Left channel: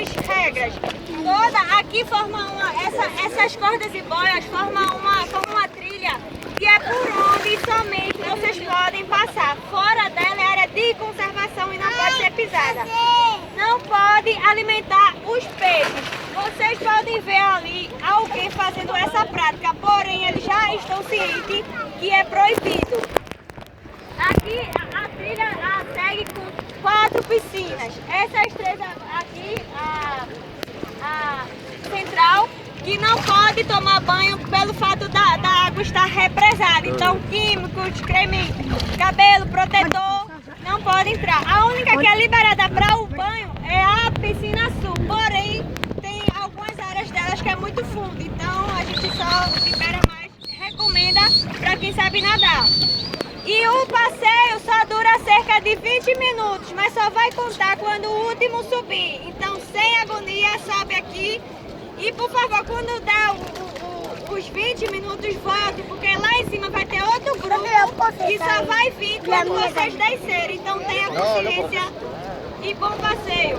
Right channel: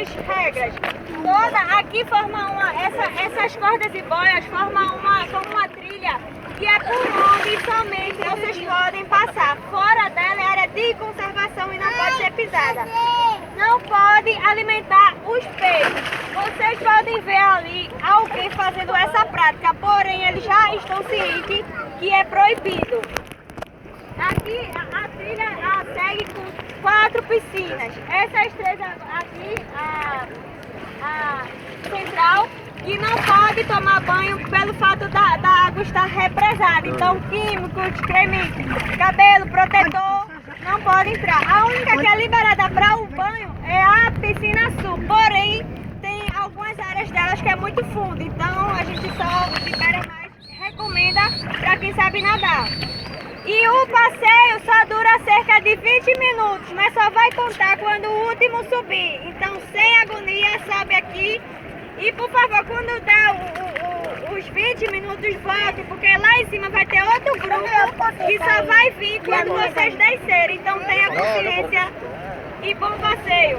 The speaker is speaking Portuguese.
algumas regras. Aqui essas cordas e boias formam uma trilha que é por onde somente vocês podem passar. Fora dela é área de conservação e não pode ser pisada. Não pode alimentar os peixes. Vocês podem ver ali alguém fazendo essa prática, porém eles já estão cientes que é proibido. Aqui a trilha segue com 4 piscinas. Essas 3 aqui, a central, que não pode tomar banho pelo fato da água estar represada. Então químicos, creme, cabelo, protetor, não pode entrar. A única que é liberada para o banho é a piscina sul, porém tem algumas áreas delas que é muito fundo, então a gente só libera mais, recomenda para quem sabe nadar. E o passeio só dura cerca de 20 minutos, mas só vai contar quando o último subir. Então, sem agonia, sobe aqui. E, por favor, quando dá os 20 minutos, volte, porque lá em cima vai ter outro grupo que só vai vir quando vocês descerem. Então, tenha consciência e bom passeio.